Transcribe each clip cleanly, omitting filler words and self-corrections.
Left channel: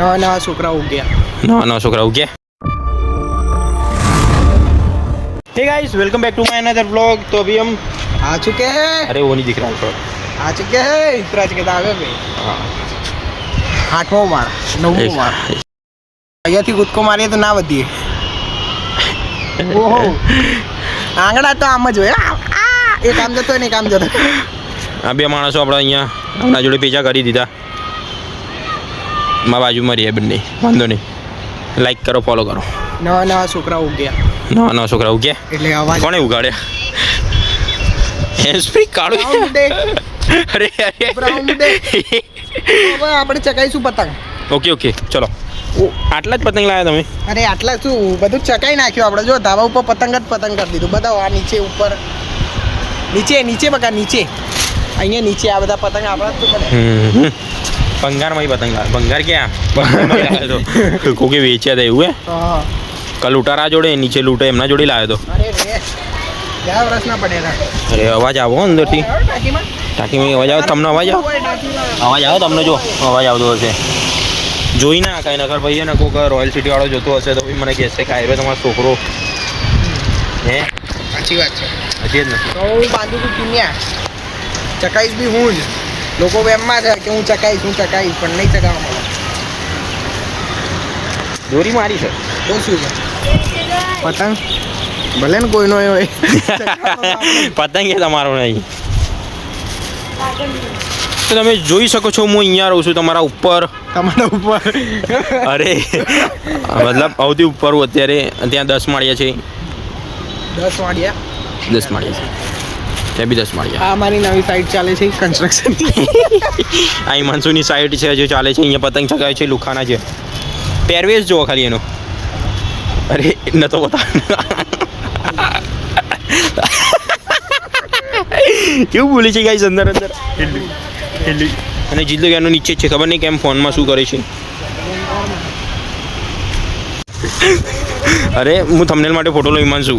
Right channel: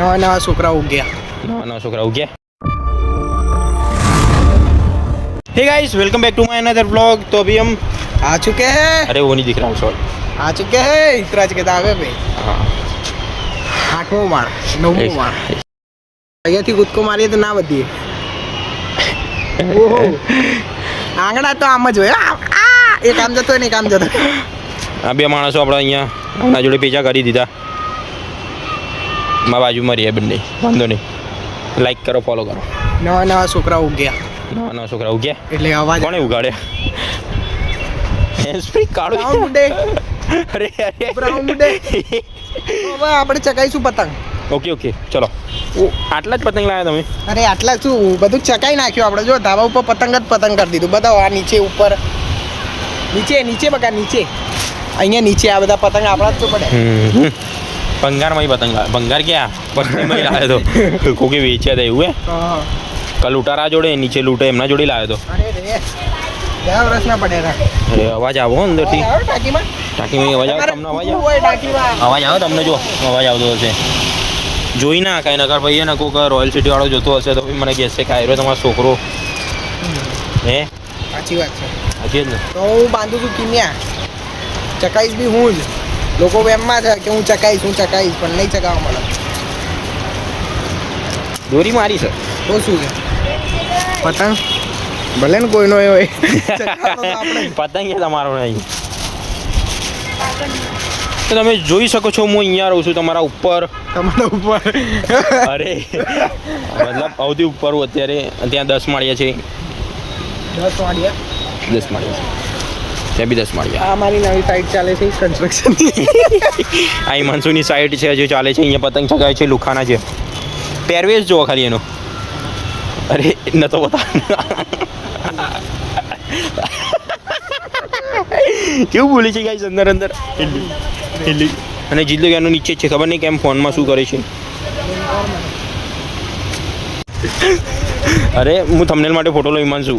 नवा छोकरा उग गया। नवा छोकरा उग गया। Hey guys, welcome back to my another vlog. तो अभी हम आ चुके हैं। अरे वो नहीं दिख रहा सॉरी, आ चुके हैं इतराज के दावे पे। हाँ 8मो माળ 9મો માળ અહીંયાથી કૂદકો મારીએ તો ના વધીએ। ઓહો આંગળા તો આમ જ હોય। એક આમ જતો ને એક આમ જતો। આ બે માણસો આપણે અહીંયા આપણા જોડે પેચા કરી દીધા। મારા બાજુમાં રહીએ બંને, વાંધો નહીં। લાઈક કરો, ફોલો કરો। નવા છોકરા ઉગ ગયા। નવા છોકરા ઉગ્યા એટલે અવાજ કોણે ઉગાડ્યા? હેન્ડસ્પ્રી કાઢો। અરે અરે બ્રાઉન ડે હવે આપણે ચકાઈશું પતંગ। ઓકે ઓકે ચલો। આટલા જ પતંગ લાવ્યા તમે? અરે આટલા શું, બધું ચકાઈ નાખ્યું આપણે। જો ધાબા ઉપર પતંગ જ પતંગ કરી દીધું બધા। આ નીચે ઉપર નીચે બકા નીચે અહીંયા નીચે આ બધા પતંગ આપણા જ તો પડે। ભંગારમાં પતંગ લાવે? ભંગાર ક્યાં પતંગમાં લાવ્યો તો? કોકે વેચ્યા હતા એવું? હા કલ લૂંટારા જોડે, નીચે લૂંટે એમના જોડે લાવ્યો તો। અરે રે क्या प्रश्न पड़ेगा? અરે અવાજ આવો અંદરથી। टाकी ટાંકીમાં અવાજ આવે? તમને અવાજ આવે? અવાજ આવે તમને? જો અવાજ આવતો હશે, જોઈ ના કાંઈ નકર ભાઈ ને કોઈક રોયલ સિટી વાળો જોતો હશે તો મને કહેશે કે આવ્યો તમારો છોકરો હે। अच्छी बात है। હજી જ ને तो હું બાંધું છું કિન્યા, ચકાઈશ બી હું જ। લોકો એમમાં છે કે હું ચકાઈશ પણ નહીં ચકાવવા મળે। દોરી મારી છે તો શું છે પતંગ ભલે ને કોઈનો એ હોય પતંગ એ તમારો નહીં। તો તમે જોઈ શકો છો હું અહીંયા રહું છું તમારા ઉપર। તમારા ઉપર અરે મતલબ સૌથી ઉપર હું અત્યારે। ત્યાં 10 માળિયા છે। 10 વાગ્યા 10 માળિયા છે ત્યાં બી 10 માળિયા। આ મારી નવી સાઈડ ચાલે છે કન્સ્ટ્રક્શન। આ હિમાંશુની સાઈડ છે હજુ ચાલે છે। અહીંયા પતંગ ચગાવે છે લુખાના છે। પહેરવેશ જુઓ ખાલી એનો। અરે ન તો બતા કેવું બોલે છે ગાઈસ અંદર અંદર હેલી। અને જીલ્લો એનો નીચે છે, ખબર નહીં કેમ ફોનમાં શું કરે છે। અરે હું થંબનેલ માટે ફોટો લઈ હિમાંશુ।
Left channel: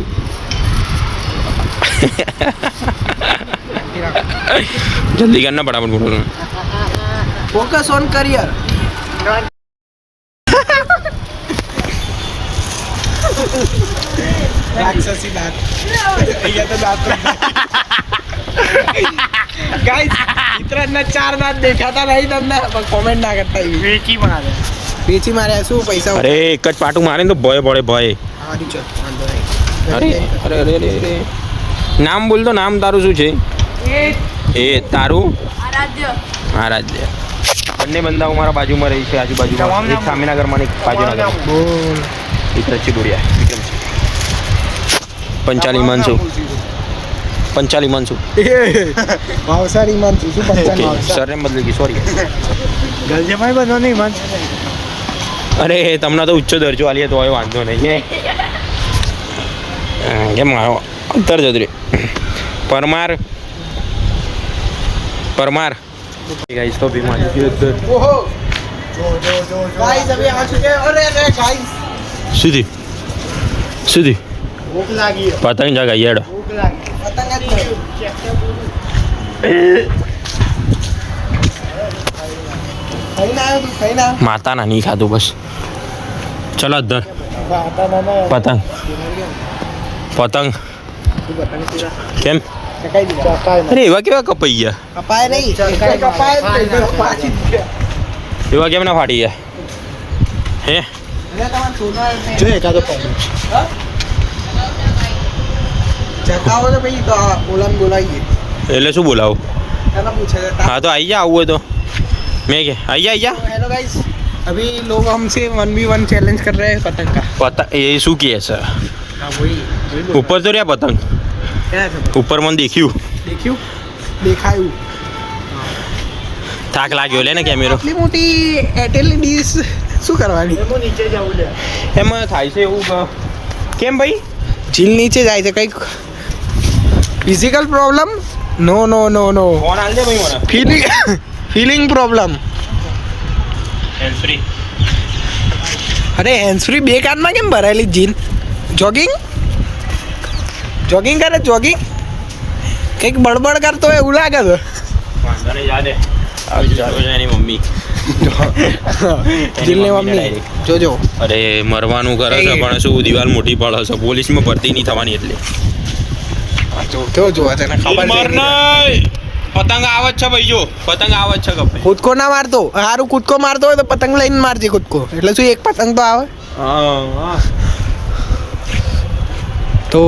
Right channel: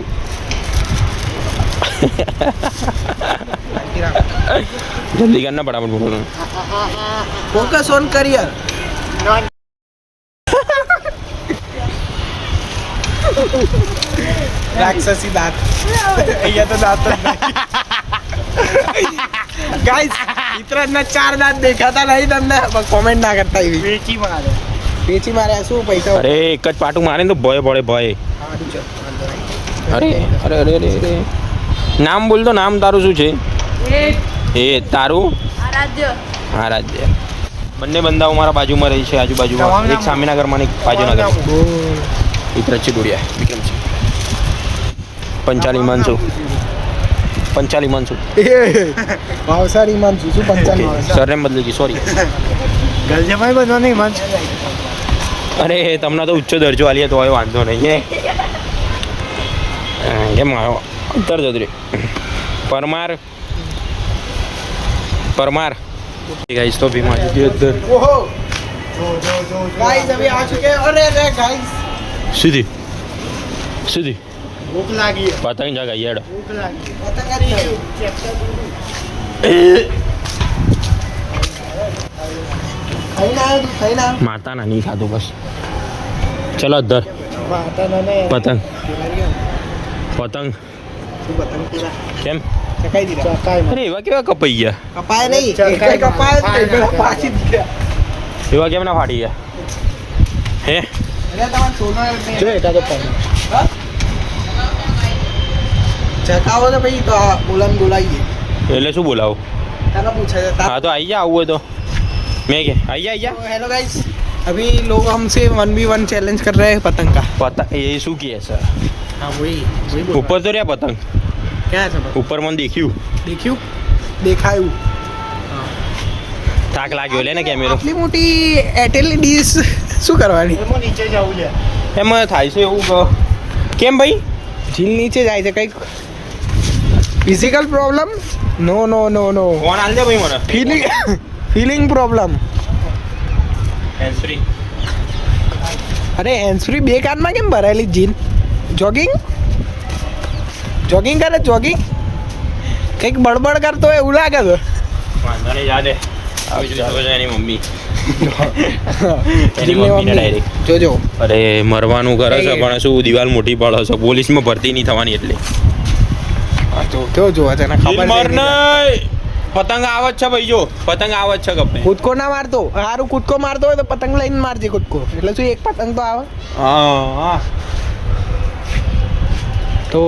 જલ્દી કરના ફટાફટ ફોટો લો। Focus on career. राक्षसी दांत અહીંયા તો દાંત ગાઈસ ઇતરાજના 4 દાંત દેખાતા નહીં તમને? કોમેન્ટ ના કરતા એવી વેચી મારે શું પૈસા? અરે એક જ પાટું મારે ને તો ભય પડે ભય। સારું છે વાંધો નહીં। અરે અરે અરે અરે અરે નામ બોલ તો। નામ તારું શું છે? એ તારું? આરાધ્ય। બંને બંદાઓ મારા બાજુમાં રહી છે, આજુબાજુમાં। એક સામેના ઘરમાં, એક બાજુના ઘરમાં। એક રચ્ચી ડોડિયા વિક્રમ છે। પંચાલી માનસુ ભાવસારી માનસુ શું પંચાલી સરનેમ બદલી ગઈ, સોરી। ગલજમાઈ બનવા નહીં માન। અરે તમને તો ઉચ્ચ દરજ્જો આલીએ તો હવે વાંધો નહીં એ મારો ઉત્તર જદરી પરમાર गाइस। तो भी मारी के अंदर ओहो जो गाइस अभी आ चुके हैं। अरे रे गाइस सीधी भूख लगी है। पतंग जगह यार भूख लगी पतंग खाई ना माता ना नहीं खादो बस। चलो अदर पतंग तेरा केम चकाई दिया। अरे एवा केवा कपाई गया? कपाय नहीं कपाय पाछी दिया। एवा केम ना फाटी गया हे? अरे तमार सोना जो एटा तो पहले चकाओ तो भाई तो बोलाइए। એટલે શું બોલાવું? કાના પૂછા છે? હા તો આવી જા, આવું હોય તો મેં કે આવી જા। हेलो गाइस, अभी लोग हमसे 1v1 चैलेंज कर रहे हैं पतंग का। पता ये શું કહે છે? हाँ वही ઉપર તો રહ્યા પતંગ, क्या है ઉપર મને દેખ્યું દેખાયું। થાક લાગ્યો લે ને કેમેરો। આટલી મોટી એટેલની ડીશ શું કરવાની? નીચે જવું છે એમાં થાય છે એવું કે કેમ ભાઈ ઝીલ નીચે જાય છે કંઈક ફિઝિકલ પ્રોબ્લેમ? નો ફોન આલ દે ભાઈ મને। Feeling problem. Hand free. અરે હેન્ડ ફ્રી બે કાનમાં કેમ ભરાયેલી જીન? જોગિંગ કરે કંઈક બળબડ કરતો હોય એવું લાગે છે। વાંધો નહીં યાદ હે આવી જો એની મમ્મી જીલની મમ્મી જોજો. અરે મરવાનું કરે છે પણ શું દિવાલ મોટી પડે છે, પોલીસમાં ભરતી નહીં થવાની એટલે. જો તને ખબર છે પતંગ આવે જ છે ભાઈ, જો પતંગ આવે જ છે કપે. કૂદકો ના મારતો, હારું કૂદકો મારતો હોય તો પતંગ લઈને મારજે કૂદકો, એટલે શું એક પતંગ તો આવે. હા તો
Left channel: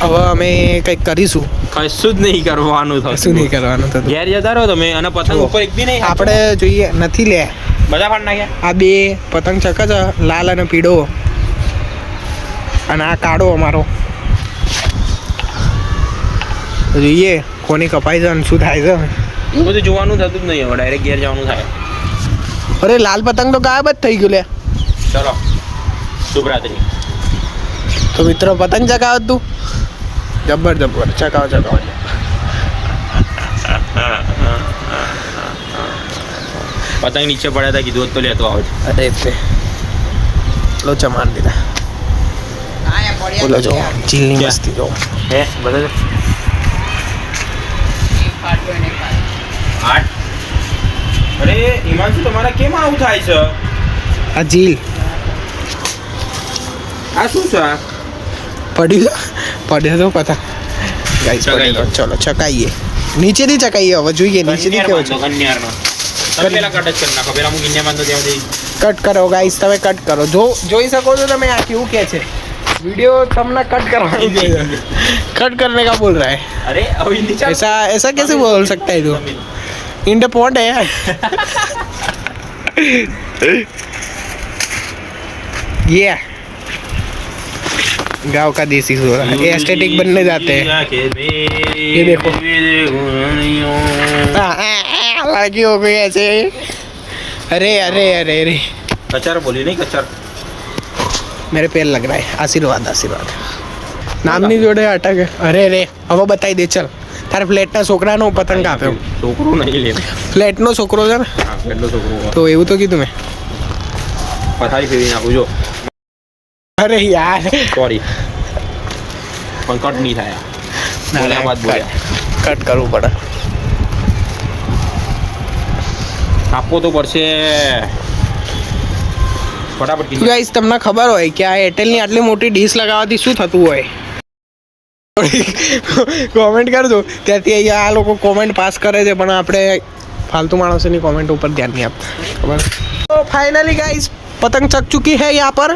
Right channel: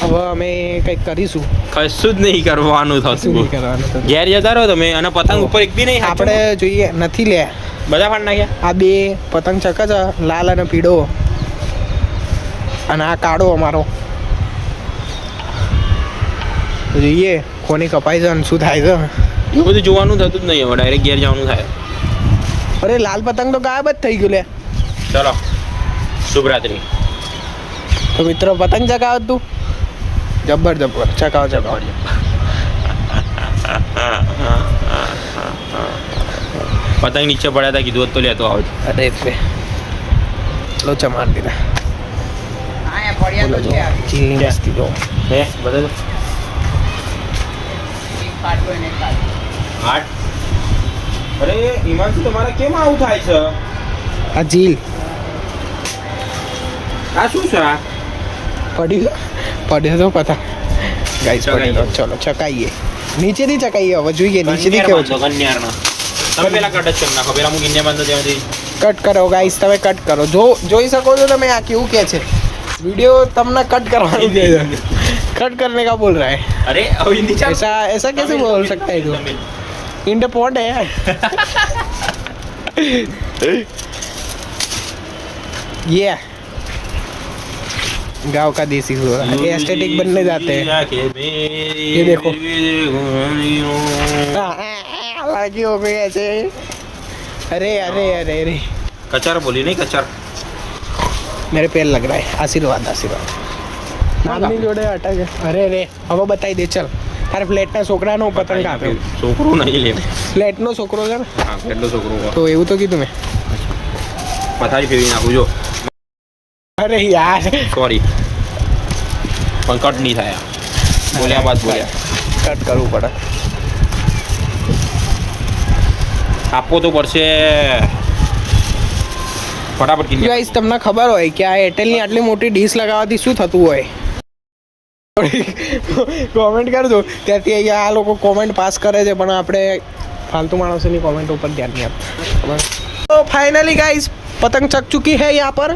હવે અમે કંઈક કરીશું. કશું જ નહીં કરવાનું થશે. શું નહીં કરવાનું થતું. ઘેર જતા રહો તમે, અને પતંગ ઉપર એક બી નહીં. આપણે જોઈએ નથી લે બધા પાડ નાખ્યા. આ બે પતંગ ચક છે, લાલ અને પીળો, અને આ કાળો અમારો. જોઈએ કોની કપાઈ છે અને શું થાય છે. એ બધું જોવાનું થતું જ નહીં, હવે ડાયરેક્ટ ઘેર જવાનું થાય. અરે લાલ પતંગ તો ગાયબ જ થઈ ગયું લે. ચલો શુભરાત્રી. તો મિત્રો પતંગ ચગાવ તું, જબ્બર ચગાવ. પતંગ નીચે પડ્યા હતા, કીધું તો લેતો આવજો. અરે તે લોચા માર દીધા. બોલો જો ચીલની મસ્તી જો. હે બધા અરે હિમાંશુ તમારા કેમ આવું થાય છે? આ જીલ આ શું છે? પડ્યો તો પતંગ ગાઈસ, પડ્યો. ચલો ચકાઈએ, નીચેથી ચકાઈએ. હવે જોઈએ નીચેથી કેવો છે. કન્યારનો તમે પેલા કટ જ કરી નાખો. પેલા હું કિન્યા બાંધો ત્યાંથી કટ કરો ગાઈસ, તમે કટ કરો. જોઈ શકો છો તમે આ કેવું કે છે. वीडियो तुमने कट करवानी चाहिए. कट करने का बोल रहा है. अरे अभी नीचे ऐसा कैसे बोल सकता है तू? इन द पॉइंट है. ये गांव का देसी सूरा, ये एस्थेटिक बनने जाते हैं. ये देखो लड़की हो गई ऐसे. अरे अरे अरे अरे कचर बोली नहीं, कचर मेरे पैर लग रहा है. आशीर्वाद નામ ની જોડે અટકે. અરે રે હવે બતાવી દે. ચલ તારે ફ્લેટના છોકરાનો પતંગ આપ્યો. છોકરો નહીં લે, ફ્લેટનો છોકરો છે ને. હા ફ્લેટનો છોકરો. તો એવું તો કીધું મેં. પથારી ફેરવી નાખું જો. અરે યાર સોરી, પણ કટ નહીં થાય. બોલ્યા બાદ બોલ્યા કટ કરવું પડે. આપવો તો પડશે ફટાફટ. ગાઈસ તમને ખબર હોય કે આ એરટેલની આટલી મોટી ડીશ લગાવવાથી શું થતું હોય? કોમેન્ટ કરજો. ત્યાંથી અહીંયા આ લોકો કોમેન્ટ પાસ કરે છે, પણ આપણે ફાલતુ માણસોની કોમેન્ટ ઉપર ધ્યાન નહીં આપતા. ખબર. તો ફાઇનલી ગાઈસ પતંગ ચક ચુકી है यहाँ पर.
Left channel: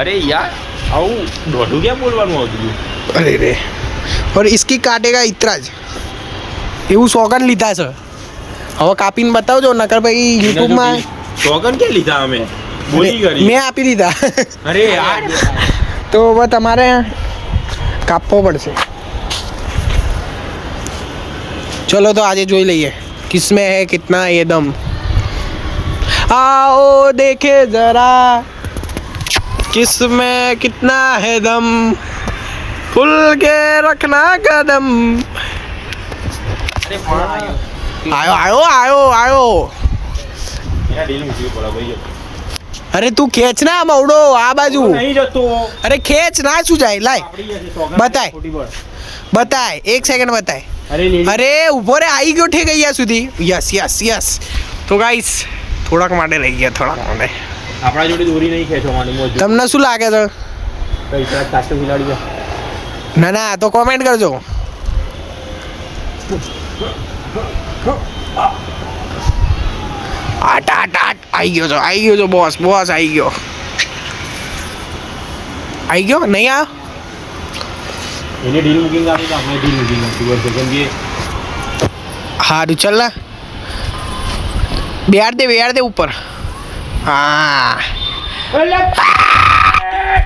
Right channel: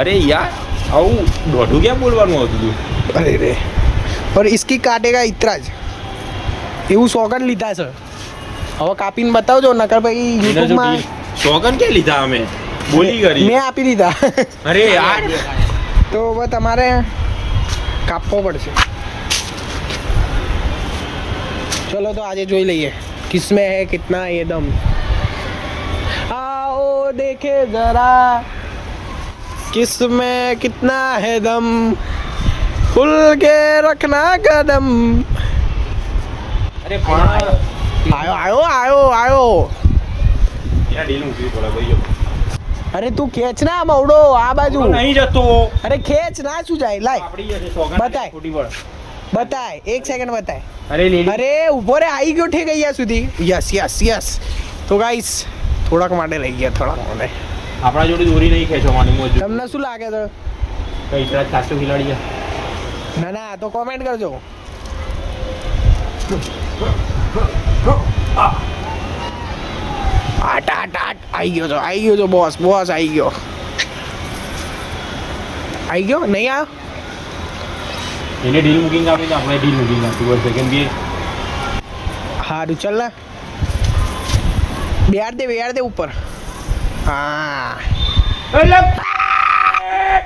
અરે યાર આવું દોઢું ક્યાં બોલવાનું હતું? અરે રે और इसकी काटेगा इतना જ એવું સોગન લીધા છે. હવે કાપીને બતાવજો, નકર ભાઈ યુટ્યુબમાં સોગન ક્યાં લીધા અમે? બોલી કરી મેં આપી દીધા. અરે યાર તો હવે તમારે કાપવો પડશે. ચલો તો આજે જોઈ લઈએ કિસमें है कितना ये दम. आओ देखे जरा किसमें कितना है दम, खुल के रखना कदम. અરે પણ आयो એના ડીલ મૂકવી પડે ભાઈ. અરે તું ખેંચ ના મવડો આ બાજુ. નહીં જતો. અરે ખેંચ ના શું જાય. લાય આપડી જશે સોગન. બતાય. બતાય 1 સેકન્ડ બતાય. અરે અરે ઉભો રે, આવી ગયો ઠેક અહીંયા સુધી. યસ. તો ગાઈસ થોડાક માટે રહી ગયા, થોડાક માટે. આપણા જોડે દોરી નહીં ખેંચવાની મોજ. તમને શું લાગે છે? કઈ તરફ સાચો ખિલાડી છે? ના તો કોમેન્ટ કરજો. આટ આવી ગયો છો બોસ આવી ગયો. નહીં આ એને ડીલ બુકિંગ આપી તો આપણે ડીલ બુકિંગ આપી પડશે, કેમ કે હારું ચાલ ને બેહાડ દે ઉપર. હા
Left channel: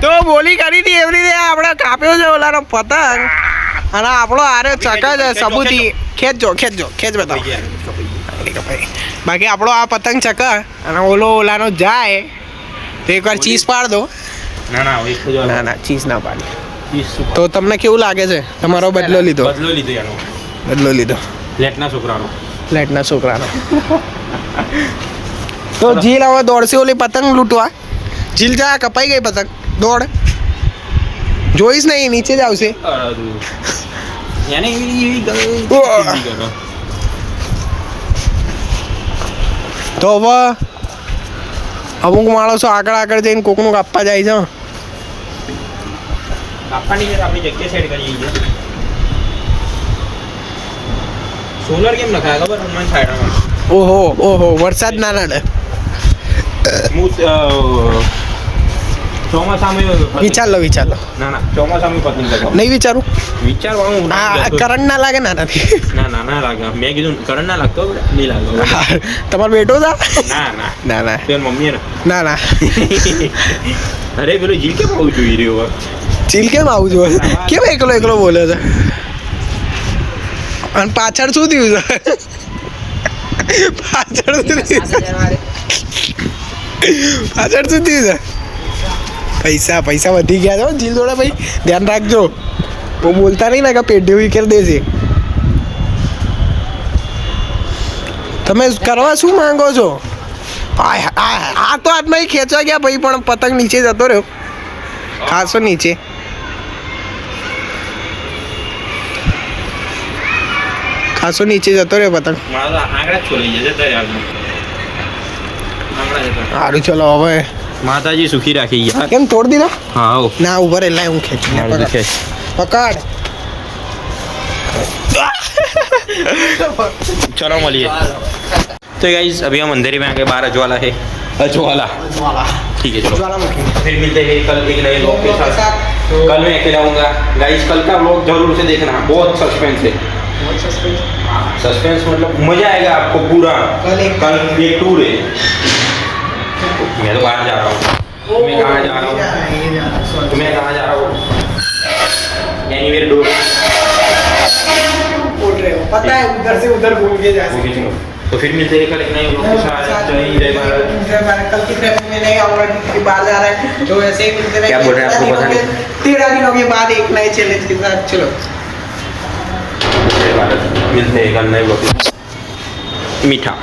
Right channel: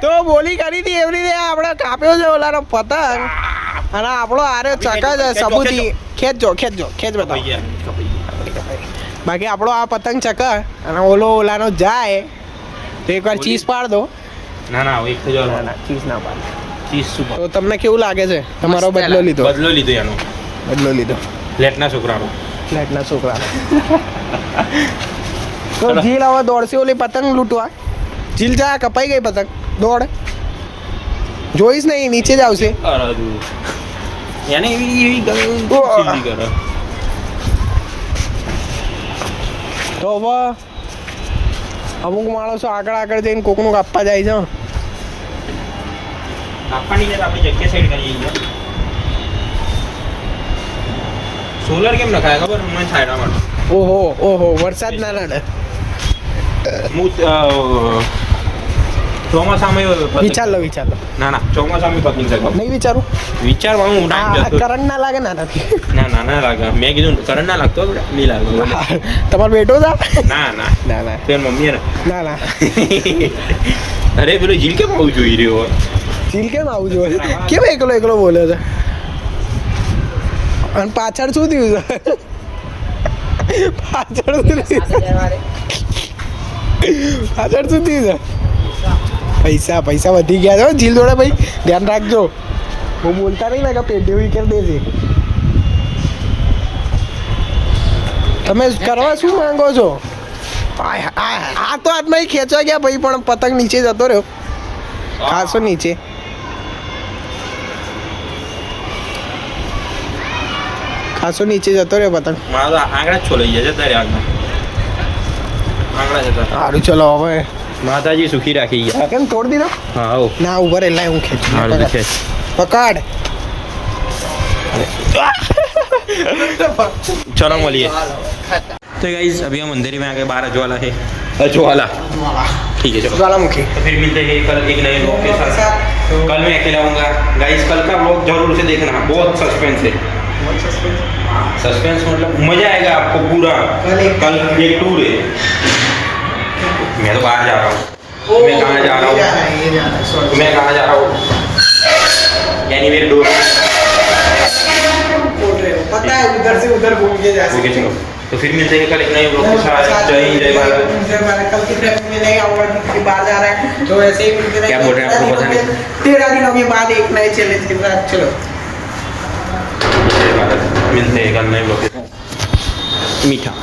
તો બોલી કરી હતી એવી રીતે આપણે કાપ્યો છે ઓલાનો પતંગ, અને આપણો આરે ચકા છે સબૂતી. ખેંચ બતાવો. બાકી આપણો આ પતંગ ચકા અને ઓલાનો જાય તો એકવાર ચીઝ પાડ દો. ના ચીઝ ના પાડ. તો તમને કેવું લાગે છે? તમારો બદલો લીધો ફ્લેટના છોકરાનો. તો જીલ હવે દોડશે ઓલી પતંગ લૂંટવા. જીલ જા, કપાઈ ગઈ પતંગ. દોડ, જોઈશ નહીં, નીચે જ આવશે. તો હવે અમુક માણસો આગળ જઈને કોકનું કાપવા જાય છે. કાપવાની છે તો આપણી જગ્યા સાઈડ કરી છે. સોલર કેમ નખાય ખબર હમણાં છાંયડામાં. ઓહો વરસાદ ના નડે. હું ચોમાસામાં વિચાર લો ના ચોમાસામાં પત્ની કરતો નહીં વિચારું વિચારવાનું કરંટ ના લાગે નાનાથી. ના લાગે. મેં કીધું કરંટ ના લાગતો નહીં લાગે. તમારો બેટો છે? ના પેન મમ્મી ને ના અરે પેલું જીલ કેમ આવું જોઈ રહ્યો? ચીલ કેમ આવું જોઈએ? કેમ એકલો બોલે છે? અને પાછળ શું થયું છે? પાછળ શું થયું છે? પૈસા વધી ગયા છો જીલ જોડે ભાઈ, ધ્યાન રાખજો. બહુ બોલતા નહીં ને કે પેઢી વિકેર દેશે. તમે કરવા શું માંગો છો? આ તો આટલા ખેંચવા ગયા ભાઈ, પણ પતંગ નીચે જતો રહ્યો. ખાસો નીચે. જતો રહ્યો પતંગ. સારું ચલો હવે માતાજી સુખી રાખી ગયા. કેમ તોડ દીધો? હા ના ઉભા રે, લાય હું ખેંચું. પકડ. चलो मिलिए. तो गाइस अभी हम अंधेरी में आ गए, 12 अजवाला है. अजवाला ठीक है चलो ज्वालामुखी. फिर मिलते हैं कल एक नए ब्लॉग के साथ. कल मैं अकेला आऊँगा गाइस. कल का ब्लॉग जरूर से देखना, बहुत सस्पेंस है. सस्पेंस मतलब मजा आएगा आपको पूरा. कल एक टूर है. मैं तो बाहर जा रहा हूँ. मैं कहाँ जा रहा हूँ? Anywhere door. पता है उधर से उधर घूम के जा सकते. चलो तो फिर मिलते हैं कल एक नए ब्लॉग के साथ. जय हिंद जय भारत. कल की ट्रिप में नहीं आऊंगा क्योंकि बाहर जा रहा है, तो वैसे ही मिलते रहेंगे. क्या बोल रहे हैं आपको पता नहीं. 13 दिनों के बाद एक नए चैलेंज के साथ. चलो जय भारत. मिलते हैं कल नए ब्लॉग के साथ. मीठा.